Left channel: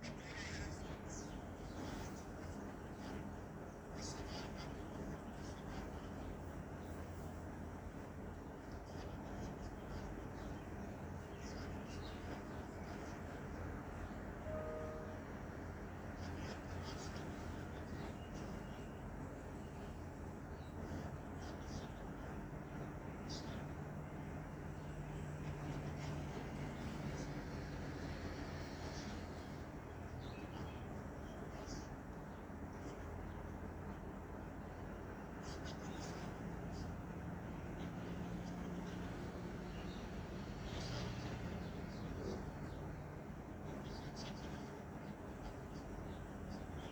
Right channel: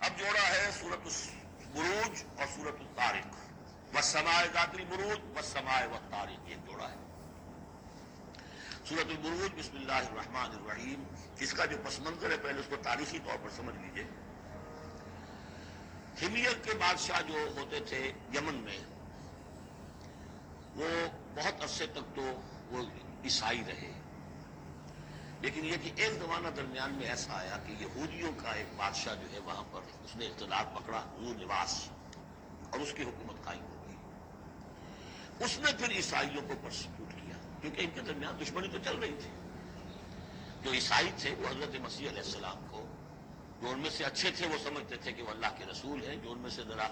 اب جوڑا ہے سورۃ البروج اور سورۃ الطارق، والسماء ذات البروج والسماء والطارق، یہ جوڑا ہے۔ سورۃ البروج بسم اللہ الرحمن الرحیم، اس کا جو پس منظر ہے پہلے اس کو تاریخی طور پر سمجھ لیجیے۔ حمیر کے بادشاہ جو ہوتے تھے یمن میں، وہ بہت عرصے تک تو وہ عیسائی رہے، لیکن یہ کہ ایک زمانہ درمیان میں ایسا آیا کہ یہودیوں کا ایک بادشاہ جو ہے وہاں پر اس نے اقتدار پکڑا، ذو نواس، اور اس کی حکومت قائم ہو گئی۔ اس نے پھر عیسائیوں کو پرسیکیوٹ کیا، کیونکہ ان کے درمیان دشمنی تو چل رہی تھی۔ جو عیسائی تھے وہ حضرت مسیح علیہ السلام کو، جو ان میں سے اچھے تھے وہ سمجھتے تھے کہ وہ اللہ کے رسول ہیں، جو ان میں سے ذرا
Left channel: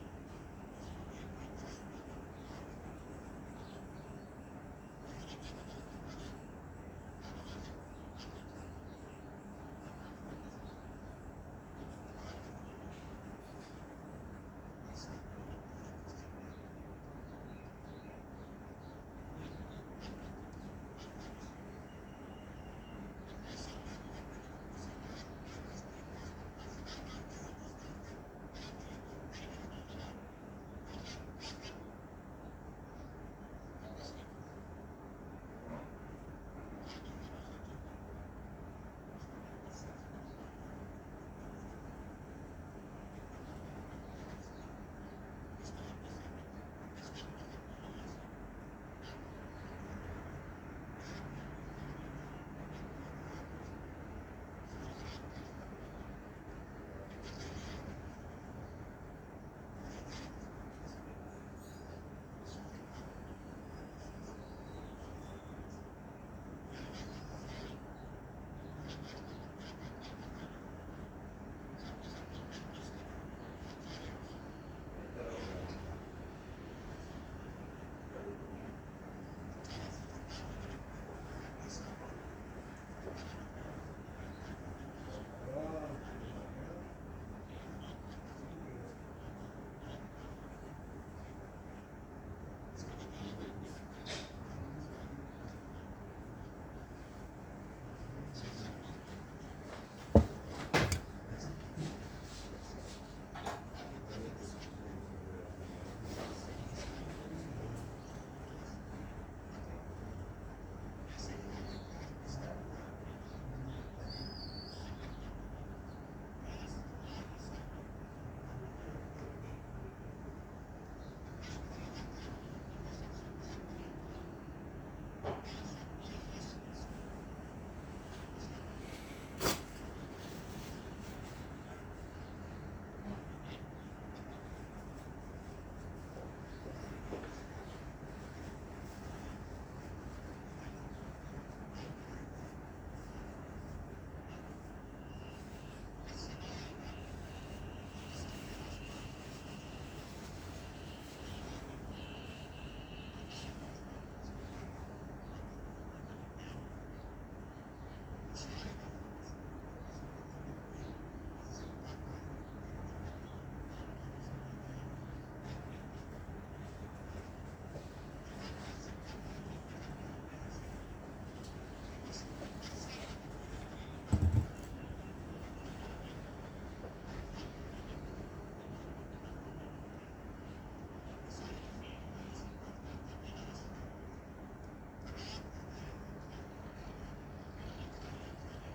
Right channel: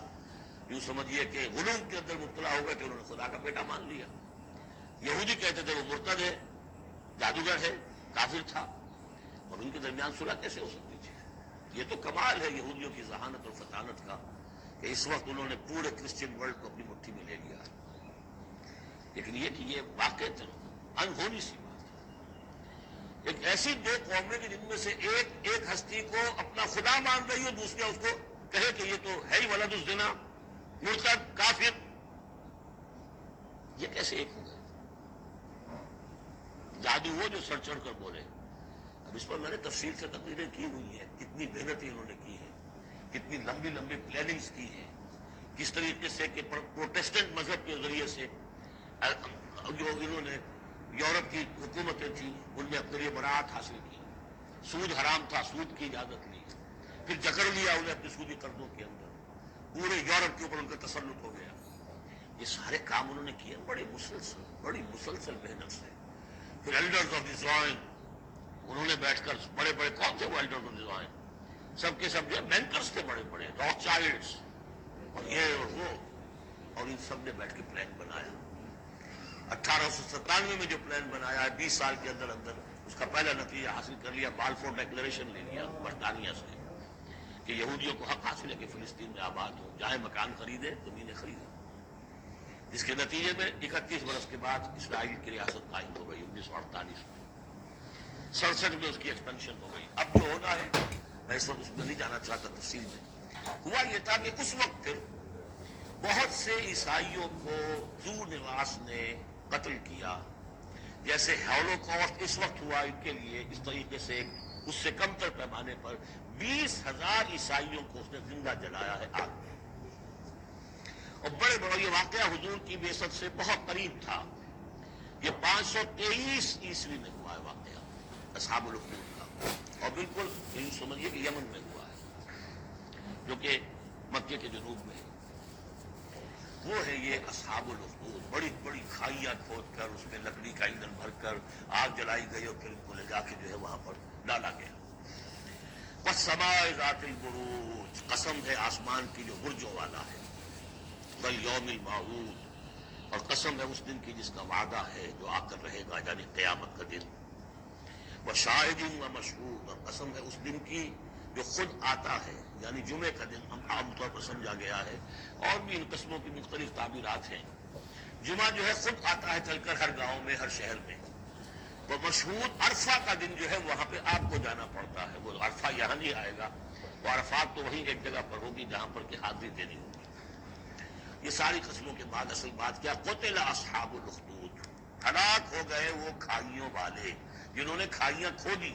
یوں سمجھیے کہ غلو کے اندر مبتلا ہو گئے کہ انہوں نے خدا کا بیٹا مان لیا۔ یہودی کہتے تھے وہ مرتد ہے، جادوگر ہے، کافر تھا، اور ان کے درمیان صلح کیسے ہو سکتی تھی؟ یہ تو کمال ہے یہودیوں کی ذہانت اور فطانت کا کہ اس وقت انہوں نے پورے کرسچین ورلڈ کو اپنی مٹھی میں لے لیا۔ لیکن یہ کہ یہ واقع انہونی سی بات ہے، ایک ایسی دو قومیں کہ جن میں سے ایک ہستی کو اپنا خدا مان رہی ہے، دوسرا اس کو کہے کہ یہ تو ہے ہی ولد الزنا، مرتد، کافر، یہ کیسے ایک ہو گئے؟ جادو وہ جو سر چڑھ کر بولے۔ اب اس پر میں نے تفصیل سے تقریریں کی ہوئی ہیں، کتنی محنت انہوں نے کی ہے، کتنی لمبی لمبی پلاننگز کی ہیں، کس طریقے سے کہ پروٹیسٹنٹ مذہب کے ذریعے سے جو انہوں نے یورپ کی حکومتیں تھیں ان میں اکثریت براعت حاصل کی، سود حرام تھا، سود کی اجازت لی، پھر جکڑ لیا انہیں اپنے سودی قرضوں کے اندر، پورے یورپ کے اوپر ان کا تسلط ہو گیا۔ یہ سارے کام انہوں نے کیے بڑی مسلسل محنت سے۔ پھر ایلڈرز آف ڈیزائن، انہوں نے بیٹھ کر بڑے بڑے کون تھے وہ ایلڈرز آف ڈیزائن، سب کے سب جو بینکرز تھے بڑے بڑے، راک چائلڈس اور یہ اور وہ، اور ان سب نے بیٹھ کے پلان بنایا۔ 1897 میں جو پلان بنایا ہے 20 سال کے اندر اندر اس کا پہلا نتیجہ حاصل کر لیا، بالفور ڈیکلیریشن لے لیا برطانیہ سے کہ یہودیوں کو حق حاصل ہے کہ فلسطین میں آباد ہو، چاہے مکان خریدے، زمینیں خریدیں۔ اس کے نتیجے میں 31 برس کے بعد اسرائیل کی ریاست قائم ہو گئی 1948 میں، 67 میں اس کی ایکسپینشن ہو گئی۔ اب جو ہونا ہے میں اس وقت اس میں نہیں جانا چاہتا تفصیل میں، ہوا یہ تھا کہ اس وقت پھر بہت سے عیسائیوں کو ذو نواس نے قتل کیا، جیسے ہولوکاسٹ اس وقت ہوا ان کے لیے، اس طریقے سے اس سے کم تر پیمانے پر 20,000 عیسائیوں کو اس نے زندہ جلایا ہے آگ میں، اور بڑے بڑا یہ واقعہ حضور کی بعثت سے بہت قریب تھا۔ یہ 523 عیسوی میں ہوا ہے واقعہ اصحاب الاخدود کا، اور بالکل یوں سمجھیے کہ یمن میں ہوا ہے جو کہ مکے کے جنوب میں ہے۔ وہ ہے یہ اصحاب الاخدود، بڑی بڑی کھائیاں کھود کر اس میں لکڑی کا ایندھن بھر کر آگ جلائی گئی اور پھر انہیں جا کے جو ہے وہاں پر ڈالا گیا۔ والسماء ذات البروج، قسم ہے آسمان کی جو برجوں والا ہے، والیوم الموعود، اور قسم ہے اس دن کی جس کا وعدہ ہے جو آ کر رہے گا، یعنی قیامت کا دن، وشاہد ومشہود، اور قسم ہے اس دن کی جو خود آتا ہے، یعنی جمعے کا دن عام طور پر سمجھا گیا ہے، اور بھی ان قسموں کی مختلف تعبیرات ہیں۔ جمعہ جو ہے خود آتا ہے چل کر ہر گاؤں میں، ہر شہر میں۔ وہ مشہود عرفہ کا دن جو ہے وہاں پہ آپ کو جانا پڑتا ہے، وہ عرفہ یہاں نہیں آئے گا، وہ عرفات تو وہیں ایک جگہ پر ہوگی جہاں پر کہ حاضری دینی ہوگی۔ یہ ساری قسموں کے بعد اصل بات کیا، قتل اصحاب الاخدود، ہلاک ہو گئے وہ کھائیوں والے جنہوں نے کھائیاں کھو دی۔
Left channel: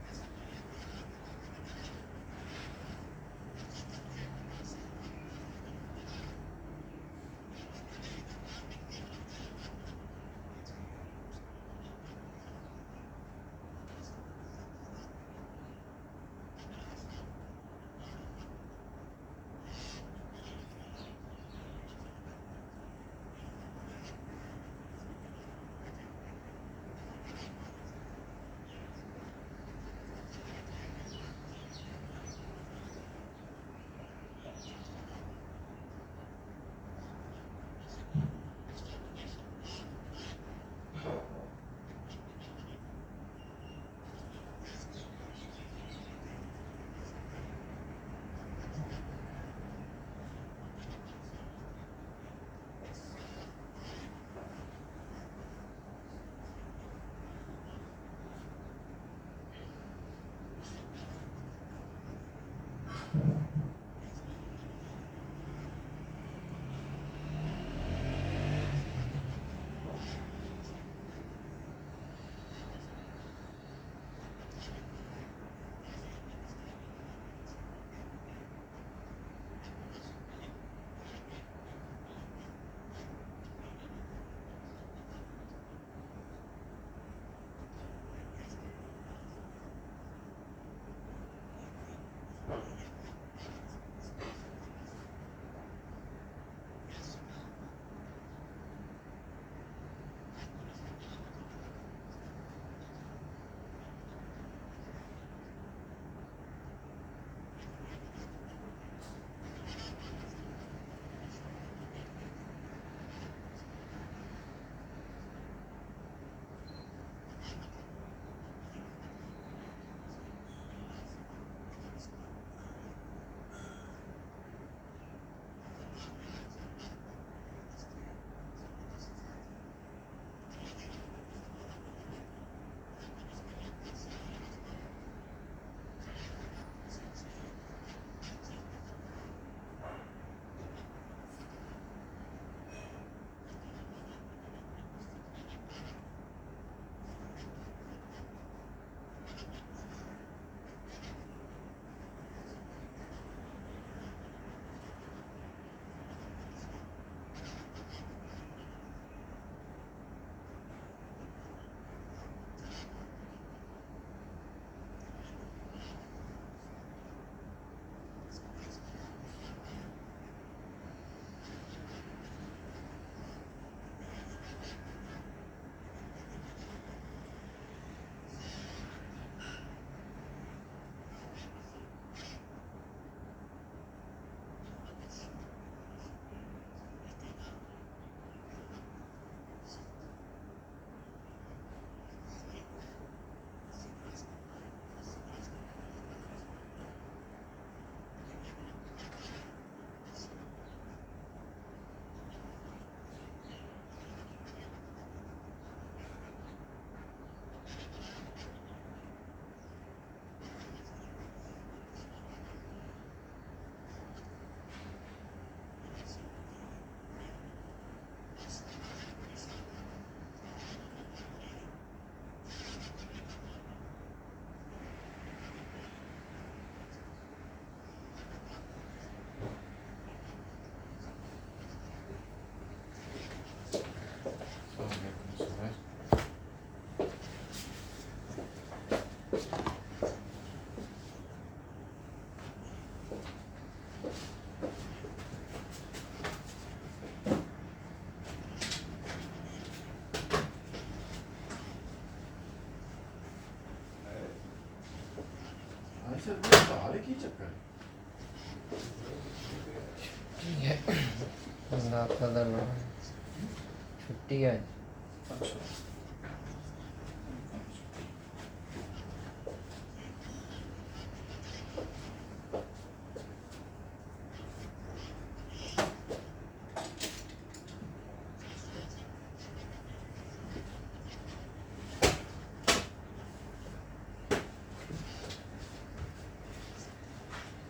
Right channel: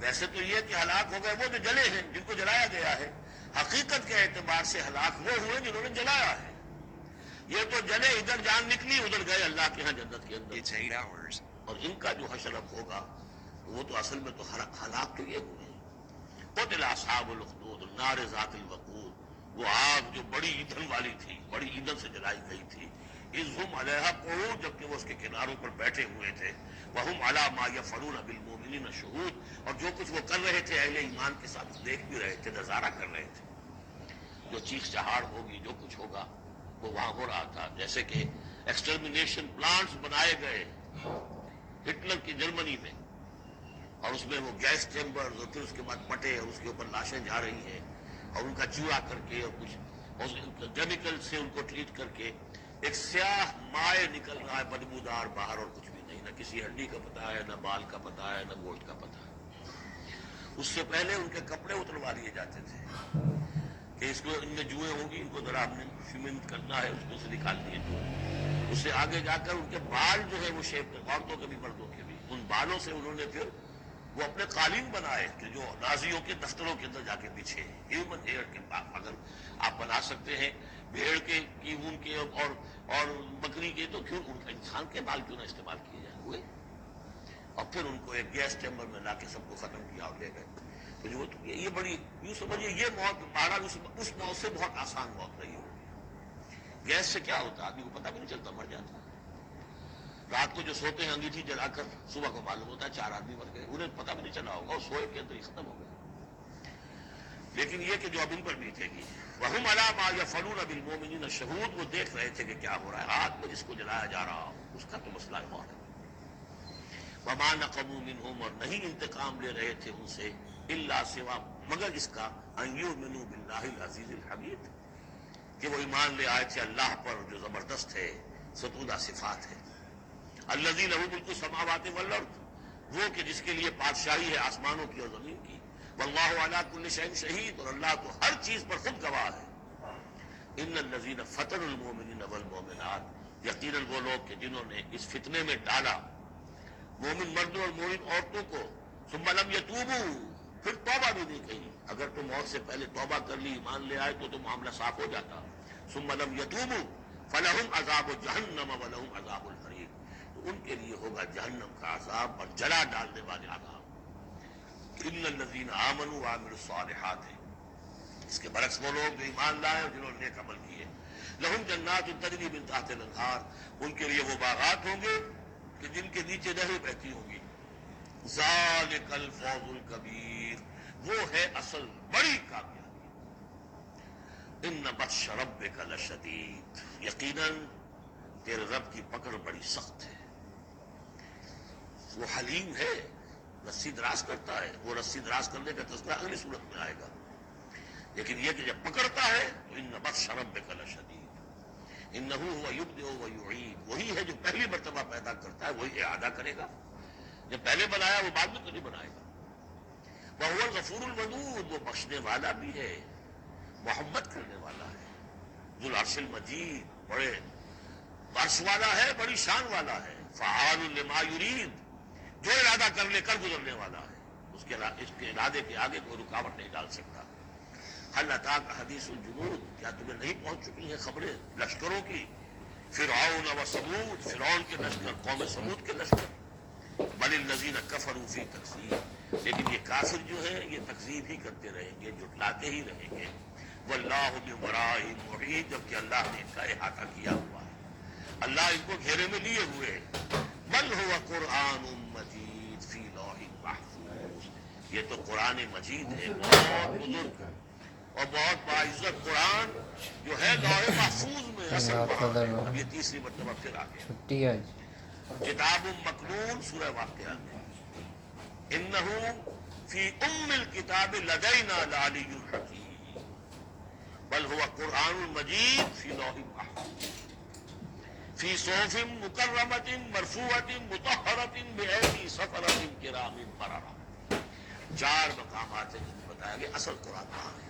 ویسے تو یہ کہ ہلاک ہو گئے وہ جو جلے ہیں، جن کو جلایا گیا ہے، حقیقت کے اعتبار سے ہلاک وہ ہوئے جنہوں نے جلایا ہے۔ یہ تو جلے، ادھر جان نکلی، ادھر گئے اللہ کے ہاں جنت کے اندر، اور ان کا جو حشر اب ہوگا وہ تو اصل میں تو ہلاک تو یہ ہوئے۔ قتل اصحاب الاخدود النار ذات الوقود، وہ آگ جو بڑی ایندھن والی تھی، بڑی ایندھن سے جلائی گئی تھی، اذ ہم علیہا قعود، جبکہ وہ اس کے کناروں پر بیٹھے ہوئے تھے، وہم علی ما یفعلون بالمؤمنین شہود، اور جو کچھ وہ کر رہے تھے اہل ایمان کے ساتھ دیکھ بھی رہے تھے، نظارہ کر رہے تھے۔ جو چیخ چہاڑ ہوگی، جو کچھ ہوگا وہ وہاں ہو رہا تھا، جیسے کہ ایکسٹرمنیشن پلانٹس بنائے گئے ہٹلر کی جرمنی میں، اور اس میں وہ گیس چیمبر، اور پھر اس کے بعد مٹے، اور اس کے اوپر لاشیں جا رہی ہیں، اور ان کا چوڑا کر کے اور کچھ کیمیکل سے ان کو ٹریٹ کر کے ایک سیاہ مائع نکل رہا ہے بدبودار باہر، اور کچھ بھی نہیں، نہ کسی ہڈی کا پتہ ہے، نہ بال کا پتہ ہے، نہ گوشت کا پتہ ہے۔ اس سے پہلے ان کے کپڑے اتروا لیے جاتے تھے، جو ان میں جوئیں ہوں گی وہ ذرا آپ نے سیمنٹ کرنا ہے، اس میں سے نکال دیے، اس سے آگے جا کر ان کے بال جو ہے وہ شیپ، عورتوں کے بھی مردوں کے بھی، ان بالوں سے انہوں نے پھر وہ اپنے قالین بنائے کہ جو نازیوں کے دفتروں کے اندر جا کے پیچھے ہیومن ہیئر کے اگر آپ بنا سکتے ہیں بھیڑ کے کی اون کے اور بکری کے، تو کیوں انسان کے بال کیوں نہ استعمال کیے جائیں ہوئے؟ اور پھر ان کو ایک گیس چیمبر میں لا کے سب کو ختم کیا اور لے گئے. تو جو یہ بڑی یوں سمجھیے یہ موت مارا اس موت سے بہت آسان موت رہی. گیس سے کیا ہوتا آدمی کو پتہ بھی نہیں چلتا، مر جاتا. رات کو جو سوتے ہیں انگیٹھی جلا کر صبح کو معلوم ہوتا ہے 4 آدمی مر گئے، انہیں پتہ بھی نہیں چلا ہوگا، اور سوئے کے اندر ہی ختم ہو گئے. لیکن یہ کہ جو اب ان پر بیتے گی وَهُمْ عَلَىٰ مَا يَفْعَلُونَ بِالْمُؤْمِنِينَ شَهُودٌ، وہ دیکھ رہے تھے کہ کیا ہو رہا ہے، آگ میں جس کو جلایا جا رہا ہو اس کا بھی مسئلہ موت ہے. وَمَا نَقَمُوا مِنْهُمْ، اور نہیں انتقام لے رہے تھے ان سے، إِلَّا سوا مگر اس کا أَن يُؤْمِنُوا بِاللَّهِ الْعَزِيزِ الْحَمِيدِ، کہ وہ ایمان لے آئے تھے اللہ پر جو زبردست ہے، ستودہ صفات ہے. الذي له ملك السماوات والارض، وہ کہ جس کے لیے بادشاہی ہے آسمانوں کی اور زمین کی. واللہ علی کل شیء شہید، اور اللہ تو ہر چیز پر خود گواہ ہے. ان الذین فتنوا المؤمنین والمؤمنات، یقیناً وہ لوگ کہ جنہوں نے اس فتنے میں ڈالا مومن مردوں اور مومن عورتوں کو، ثم لم یتوبوا، پھر توبہ بھی نہیں کہی. اگر تم موت سے پہلے توبہ کر لی ایمان لے آئے تو معاملہ صاف ہو جاتا. ثم لم یتوبوا فلہم عذاب جہنم ولہم عذاب الحریق، ان کے لیے ہوگا جہنم کا عذاب اور جلا ڈالنے والے عذاب. ان الذین آمنوا وعملوا الصالحات ہے، اس کے برعکس وہ لوگ جو ایمان لائے اور جنہوں نے نیک عمل کیے. لہم جنات تجری من تحتها الانہار، ان کے لیے وہ باغات ہوں گے کہ جن کے نیچے نہریں بہتی ہوں گی. ذالک الفوز الکبیر، وہ ہے اصل بڑی کامیابی. ان بطش ربک لشدید، یقیناً تیرے رب کی پکڑ بڑی سخت ہے. وہ حلیم ہے، رسی دراز کرتا ہے. وہ رسی دراز کرنے کا تذکرہ اگلی صورت میں آئے گا. لیکن یہ کہ جب پکڑتا ہے تو ان بطش ربک لشدید، انہ هو یبدئ ویعید، وہی ہے جو پہلی مرتبہ پیدا کرتا ہے وہی اعادہ کرے گا. جب پہلے بنایا وہ بعد میں تو نہیں بنائے گا. وہو الغفور الودود، وہ بخشنے والا بھی ہے، محبت کرنے والا ہے. ذو العرش المجید، بڑے عرش والا ہے، بڑی شان والا ہے. فعال لما یرید، جو ارادہ کر لے کر گزرنے والا ہے. اس کے ارادے کے آگے کوئی رکاوٹ نہیں ڈال سکتا. هل اتاک حدیث الجنود، کیا تمہیں نہیں پہنچ چکی ہیں خبریں لشکروں کی؟ فرعون و ثمود، فرعون کے لشکر، قوم ثمود کے لشکر. بل الذین کفروا فی تکذیب، لیکن یہ کافر جو ہے یہ تکذیب ہی کرتے رہیں گے، جھٹلاتے ہی رہیں گے. واللہ من ورائہم محیط، جبکہ اللہ نے ان کا احاطہ کیا ہوا ہے، اللہ ان کو گھیرے میں لیے ہوئے ہیں. بل هو قرآن مجید فی لوح محفوظ، یہ تو قرآن مجید ہے، بہت بزرگ اور بہت باعزت قرآن جو ہے لوح محفوظ میں. اصل یہ تیسری مرتبہ پھر آگے کتاب مکنون، سورہ واقعہ. انہ فی الکتاب لدینا لعلی حکیم، بل هو قرآن مجید فی لوح محفوظ فی صحف مکرمۃ مرفوعۃ مطہرۃ بأیدی سفرۃ کرام بررہ. 4 مقامات ہیں بتایا کہ اصل قرآن کہاں ہے.